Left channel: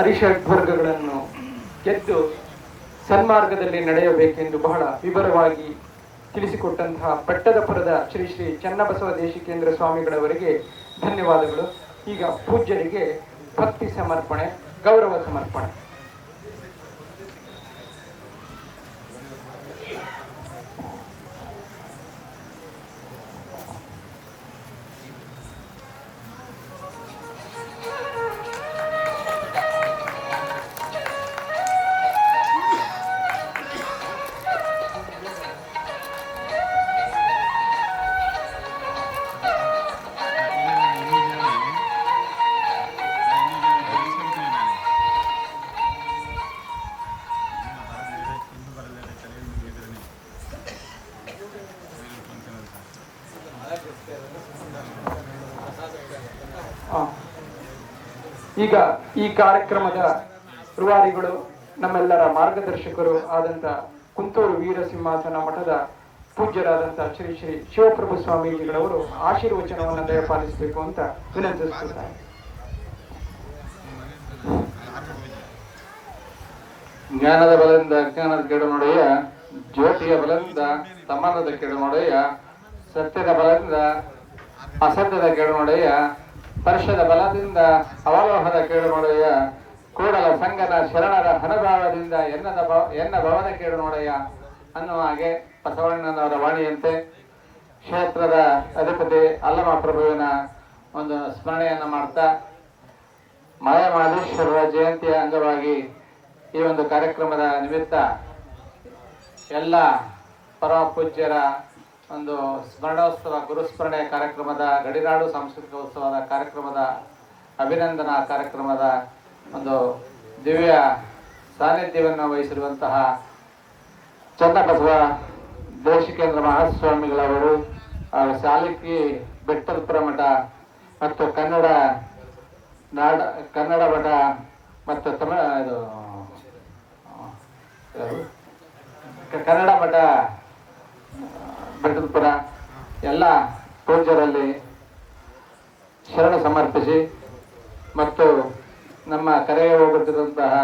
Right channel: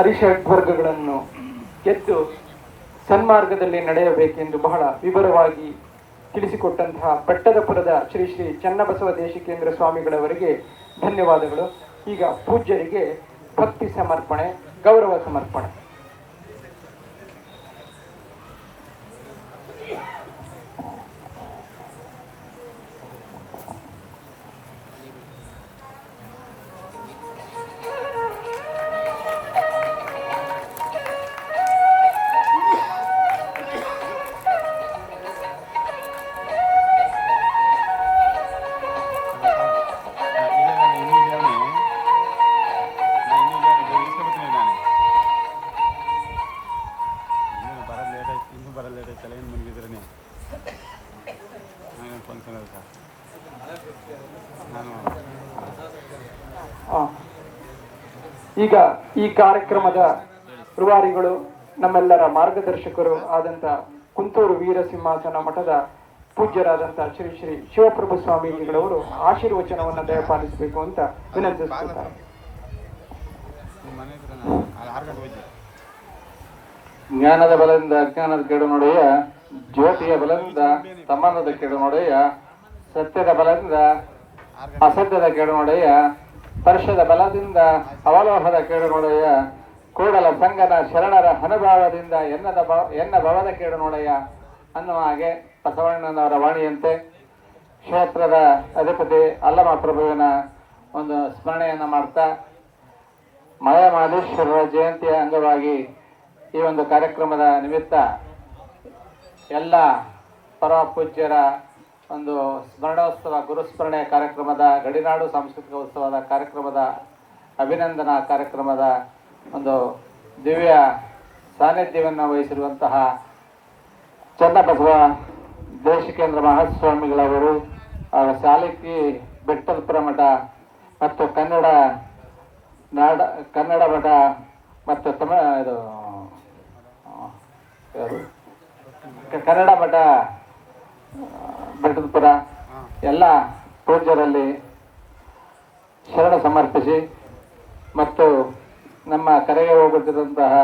ಅರಿಷಡ್ ವರ್ಗಗಳನ್ನು ಗೆದ್ದು ಸನ್ಮಾರ್ಗದಲ್ಲಿ ನಡೆಯಬೇಕೆಂದು ಬಹಳ ವಿವರವಾಗಿ ತಿಳಿಸಿಕೊಟ್ಟಂತಹ ಬೆಟ್ಟದಪುರದ ಶ್ರೀ ಶ್ರೀ ಚನ್ನಬಸವ ದೇಶಿಕೇಂದ್ರ ಸ್ವಾಮಿಗಳವರಿಗೆ ಧನ್ಯವಾದಗಳು. ಈಗ ಪೂಜ್ಯರಿಗೆ ಭಕ್ತಿ ಸಮರ್ಪಣೆ, ಗೌರವ ಸಮರ್ಪಣೆ. ಈಗ ಈ ಕಾರ್ಯಕ್ರಮದ ರೂವಾರಿಗಳು, ನಮ್ಮೆಲ್ಲರ ಮಾರ್ಗದರ್ಶಕರು ಆದಂತ ಕುಂತೂರು ವೀರಸಿಂಹಾಸನ ಮಠದ ಪೂಜ್ಯರಾದಂತಹ ಶ್ರೀ ಶ್ರೀ ಶಿವಪ್ರಭು ಸ್ವಾಮೀಜಿಗಳವರು ಆಶೀರ್ವಚನವನ್ನು ದಯಪಾಲಿಸಬೇಕು ಅಂತ ವಿನಂತಿಸುತ್ತಾರೆ. ಜ್ಞಾನದ ಬಲದಿಂದ ಅಜ್ಞಾನದ ಕೆಡು ನೋಡೆಯ, ಜ್ಯೋತಿಯ ಬಲದಿಂದ ತಮ್ಮನದ ಕೆಡು ನೋಡೆಯ, ಸತ್ಯದ ಬಲದಿಂದ ಅಸತ್ಯದ ಕೆಡು ನೋಡೆಯ, ಸ್ಪರ್ಶದ ಬಲದಿಂದ ಅವಲೋಹದ ಕೇಡು ನೋಡೆಯ, ಕೂಡಲ ಸಂಗದ ಶರಣರ ಅನುಭಾವದಿಂದ ಎನ್ನ ಭವದ ಕೇಡು ನೋಡೆಯ ಅನ್ನುವ ಹಾಗೆ ಬಸವಣ್ಣನವರ ವಾಣಿಯಂತೆ ಕ್ಷೇತ್ರದ ಅಧಿಪತಿ ಅಲ್ಲಮ ಪ್ರಭುವಿನ ಒಂದು ಸ್ಮರಣೆಯನ್ನು ಮಾಡ್ತಾ ಮಲೆ ಮಹದೇಶ್ವರರ ಜಯಂತಿಯ ಅಂಗವಾಗಿ ಈ ಒಂದು ಕಾರ್ಯಕ್ರಮದ ನಿಮಿತ್ತ ಎಲ್ಲ ಪರಮ ಪೂಜ್ಯರ ಒಂದು ಸ್ಮರಣೋತ್ಸವ ಗುರುಸ್ಮರಣೆ ಕಾರ್ಯಕ್ರಮದ ಗಡಿನಾಡು ಸಾಂಸ್ಕೃತಿಕ ಉತ್ಸವದ ಕಾರ್ಯಕ್ರಮದ ಅಭಿನಂದನಾ ಕಾರ್ಯಕ್ರಮದ ಒಂದು ದಿವ್ಯ ಸಾನ್ನಿಧ್ಯವನ್ನು ವಹಿಸಿರುವಂತಹ ಚನ್ನಬಸವ ದೇಶಿಕೇಂದ್ರ ಮಹಾಸ್ವಾಮಿಗಳವರು ಹಾಗೂ ಸಾಲಿಕಿ ಬೆಟ್ಟದಪುರ ಮಠ ಮತ್ತು ಕನ್ನಡ ಮಠ ಮತ್ತು ಕನ್ನಡ ಮಠ ಬೆಟ್ಟದಪುರ ಎಲ್ಲ ಪೂಜ್ಯರಲ್ಲಿ ಶರಣ ಸಮರ್ಪಿಸಿ ಮತ್ತು ನಮ್ಮ ಕರೆಗೆ ಹೋಗುತ್ತಿರುವಂತಹ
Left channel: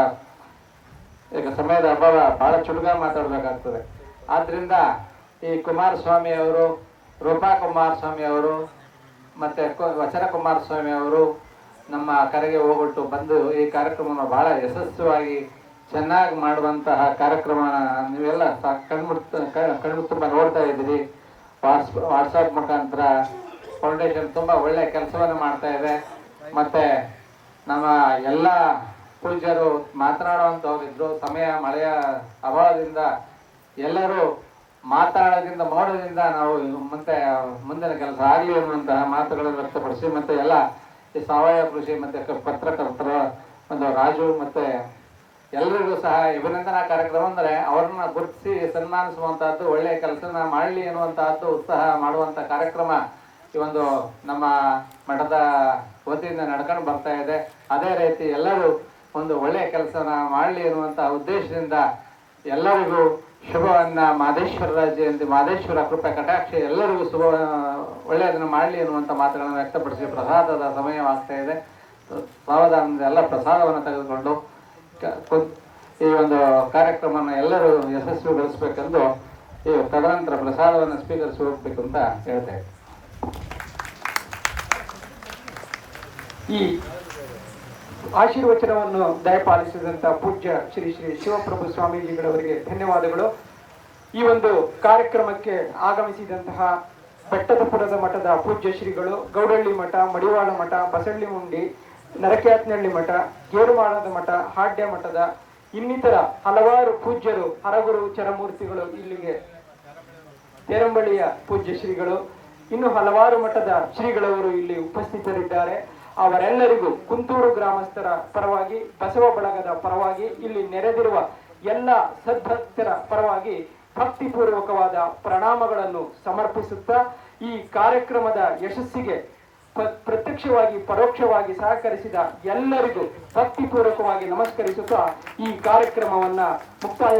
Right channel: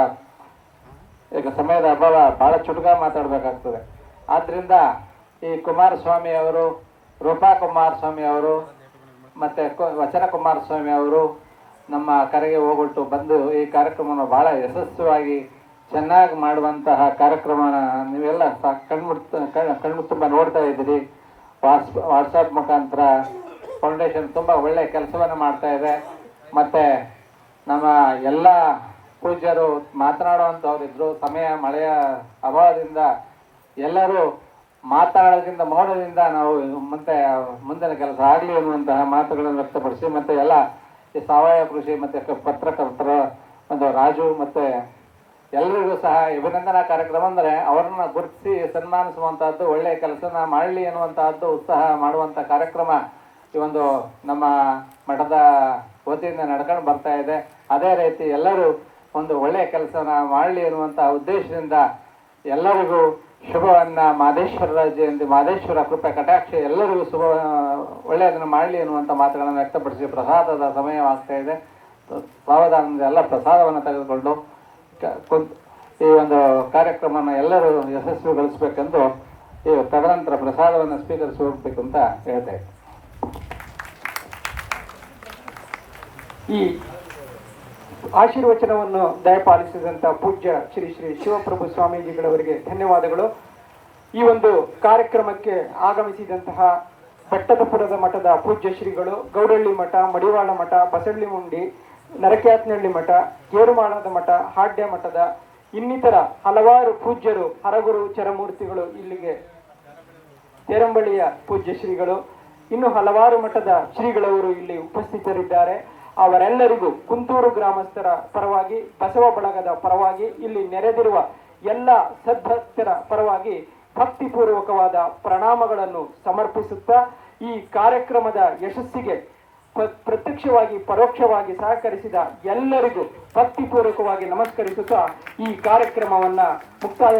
ಈಗ ಸಮಯದ ಅಭಾವ ಬಹಳ ಚುಟುಕ ಮಾತಾಡಬೇಕಾಗ್ತದೆ. ಆದ್ದರಿಂದ ಈ ಕುಮಾರಸ್ವಾಮಿ ಅವರು, ರೂಪಾ ಕುಮಾರಸ್ವಾಮಿ ಅವರು ಮತ್ತು ವಚನ ಕುಮಾರಸ್ವಾಮಿ ಅವರು ನಮ್ಮ ಕರೆಗೆ ಹೋಗ್ಬಿಟ್ಟು ಬಂದು ಈ ಕಾರ್ಯಕ್ರಮವನ್ನು ಬಹಳ ಯಶಸ್ವಿಯಾಗಿ ಚೆನ್ನಾಗಿ ಮಾಡುವಂತಹ ಕಾರ್ಯಕ್ರಮ ನೀವೆಲ್ಲ ಕಣ್ಣು ತುಂಬ ನೋಡ್ತಾ ಇದ್ದೀರಿ. ವಾಟ್ಸಪ್ ಮುಖಾಂತರ ಫೌಂಡೇಶನ್ ತುಂಬ ಒಳ್ಳೆಯ ಕೆಲಸವನ್ನು ಮಾಡ್ತಾ ಇದೆ. ಮತ್ತು ನಮ್ಮ ಎಲ್ಲ ಪೂಜ್ಯರು ಮಾತನಾಡುವಂಥವ್ರಿದ್ರು. ಸಮಯ ಮಳೆಯ ಅಭಾವದಿಂದ ಎಲ್ಲರೂ ಮಾತನಾಡೋದ್ರಿಂದ ಮಾಡೋದ್ರಿಂದ ನಾವು ಮತ್ತೆ ಮುಂದಿನ ಕೆಲಸ ಆಗಲಿ ಅನ್ನುವಂತಹ ಮಾತುಗಳನ್ನು ವ್ಯಕ್ತಪಡಿಸಿ, ಮತ್ತು ಎಲ್ಲ ಈ ಸಾವಯವ ಕೃಷಿ ಮತ್ತು ಪತ್ರಕರ್ತರ ಒಂದು ರಾಜು ಮತ್ತು ಎಲ್ಲರಿಗೂ ಸಹ ಅಭಿನಂದನಾ ಕಾರ್ಯಕ್ರಮ ಅಂದರೆ ಅವ್ರನ್ನ ಗುರುತಿಸಿ ಸನ್ಮಾನಿಸುವಂತಹದ್ದು, ಒಳ್ಳೆಯ ಕೆಲಸನ ಮಾಡಲಿ ಅನ್ನುವಂತಹದ್ದು ಉತ್ಸಾಹ ಮಾಡುವಂಥ ಕಾರ್ಯಕ್ರಮ ಈ ಒಂದು ನಮ್ಮ ಮಠದ ವತಿಯಿಂದ ನಡ್ಕೊಂಡು ಬರ್ತಾ ಇದೆ. ಅದೇ ರೀತಿ ಎಲ್ಲರೂ ಒಂದು ಒಳ್ಳೆಯ ಕೆಲಸನ ಮಾಡಲಿ ಅನ್ನುವಂಥ ಉದ್ದೇಶದಿಂದ ಎಲ್ಲರಿಗೂ ಶುಭವನ್ನ ಮಹದೇಶ್ವರ ಜಯಂತಿ, ಮಹದೇಶ್ವರ ಕೃಪೆ ಕಟಾಕ್ಷ ಎಲ್ಲರಿಗೂ ಶುಭ ಒಳ್ಳೆಯದನ್ನು ಮಾಡಲಿ ಅನ್ನುವಂಥ ಮಾತುಗಳನ್ನು ವ್ಯಕ್ತಪಡಿಸಿ ಪ್ರಸಾದದ ಸಮಯವಾಗ್ತಾ ಇದೆ. ಸಾವಧಾನದಿಂದ ಎಲ್ಲ ಪ್ರಸಾದವನ್ನು ತೆಗೆದುಕೊಂಡು ಈ ಒಂದು ಕಾರ್ಯಕ್ರಮವನ್ನು ಎಲ್ಲರೂ ಯಶಸ್ವಿಗೊಳಿಸಬೇಕೆಂದು ಈ ತದನಂತರ ಪ್ರಸಾದವನ್ನು ಸ್ವೀಕರಿಸಿ ಹೋಗ್ಬೇಕು ಅಂತ ಹೇಳ್ತೇವೆ. ಈ ಆಶೀರ್ವಚನವನ್ನು ದಯಪಾಲಿಸಿದಂತ ಪೂಜ್ಯ ಶ್ರೀ ಶ್ರೀ ಶಿವಪ್ರಭು ಸ್ವಾಮೀಜಿಗಳವರಿಗೆ ಧನ್ಯವಾದಗಳು. ಈ ಒಂದು ಕಾರ್ಯಕ್ರಮಕ್ಕೆ ಆಗಮಿಸಿದಂತಹ ಬೆಟ್ಟದಪುರದ ಮಠದ ಪೂಜ್ಯ ಶ್ರೀಗಳು, ಗೌಡಳ್ಳಿ ಮಠ, ಮಡಿವಾಳ ಮಠ, ಬಸಳ್ಳಿ ಮುಂಡಿ, ನರಕ್ಯಾತ್ನಹಳ್ಳಿ ಮಠ, ಗೇರುಮಾಳದ ಮಠ, ಹಾಡ್ಯ ಮಠದ ಇನ್ನಿತರ ಹಲವಾರು ಪೂಜ್ಯರು, ಹರಗುರು ಚರಮೂರ್ತಿಗಳು, ಇಲ್ಲಿಗೆ ತೇರಂಬಳ್ಳಿಯ ಪೂಜ್ಯ ಶ್ರೀಗಳು, ಇನ್ನು ಹಲವಾರು ಮಠದ ಶ್ರೀಗಳವರು ಇಲ್ಲಿ ಉಪಸ್ಥಿತರಿದ್ದಾರೆ. ಅವರೆಲ್ಲರಿಗೂ ಕುಂತೂರು ಗ್ರಾಮಸ್ಥರ ಪರವಾಗಿ, ಬಸವ ಬಳಗದ ಪರವಾಗಿ, ಇಲ್ಲಿ ನೆರೆದಿರುವ ಎಲ್ಲ ಸದ್ಭಕ್ತರ ಪರವಾಗಿ ಭಕ್ತಿಪೂರ್ವಕವಾದ ಪ್ರಣಾಮಗಳನ್ನು ಸಮರ್ಪಿಸುತ್ತಾ ಈ ಕಾರ್ಯಕ್ರಮದ ಯಶಸ್ಸಿಗೆ ಪ್ರತ್ಯಕ್ಷವಾಗಿ ಪರೋಕ್ಷವಾಗಿ ಸಹಕರಿಸಿದ ಎಲ್ಲರಿಗೂ ಭಕ್ತಿಪೂರ್ವಕವಾಗಿ ನಮಸ್ಕರಿಸುತ್ತಾ ಈ ಕಾರ್ಯಕ್ರಮವನ್ನ ಮುಕ್ತಾಯ